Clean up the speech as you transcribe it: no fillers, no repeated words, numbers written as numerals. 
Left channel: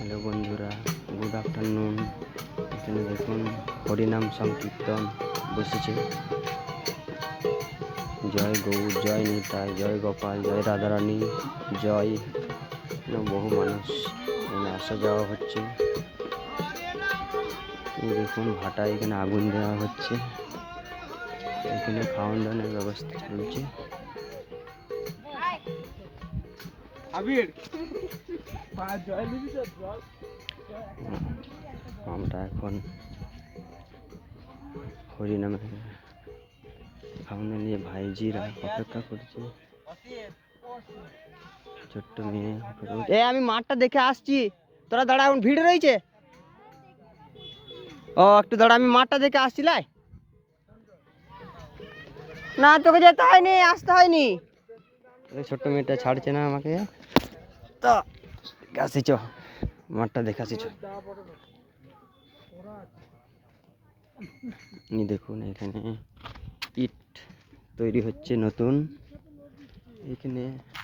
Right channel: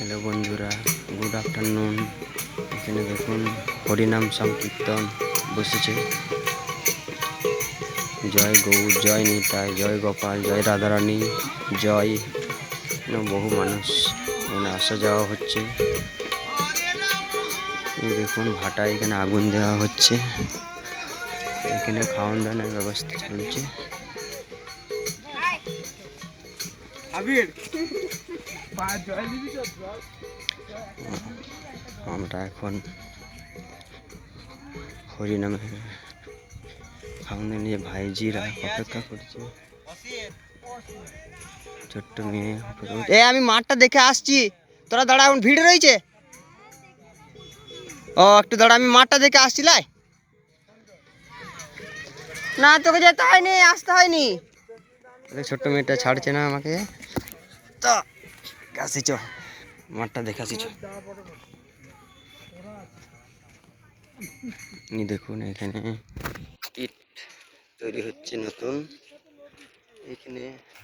Hello বন্ধুরা, good afternoon. এখানে দেখুন হরিনাম সংকীর্তন বসেছে। জয় গৌর, জয় নিতাই, জয় গোপাল, জয় রাধারানী, জয়। বহু মানুষ এখানে আসা যাওয়া হচ্ছে। এই দেখুন ভাটায় এখানে আগুন দেওয়া হচ্ছে। এখানে খাওয়ান দাওয়ানোর ব্যবস্থা চলছে। আমরা এখন হরিনামে খাওয়ান নিয়ে ভাইজিরা অপেক্ষা করছে। ছোট্ট মেয়ে আমি মাঠটা দেখে আসছি, তোরা দাঁড়া, এখন ভিড় রয়েছে। ও একটু দাঁড়া, আমি মাঠটা দেখে আসছি। লাই না, তোকে যেতে হয়নি, আসতে হয়নি। ছোট্ট মেয়েটা ছাড়ছে না আমাকে। তো আসিছ, মাঠটা দেখে আসিছ। দেখুন এখানে ইট তৈরি হচ্ছে নতুন। এখানে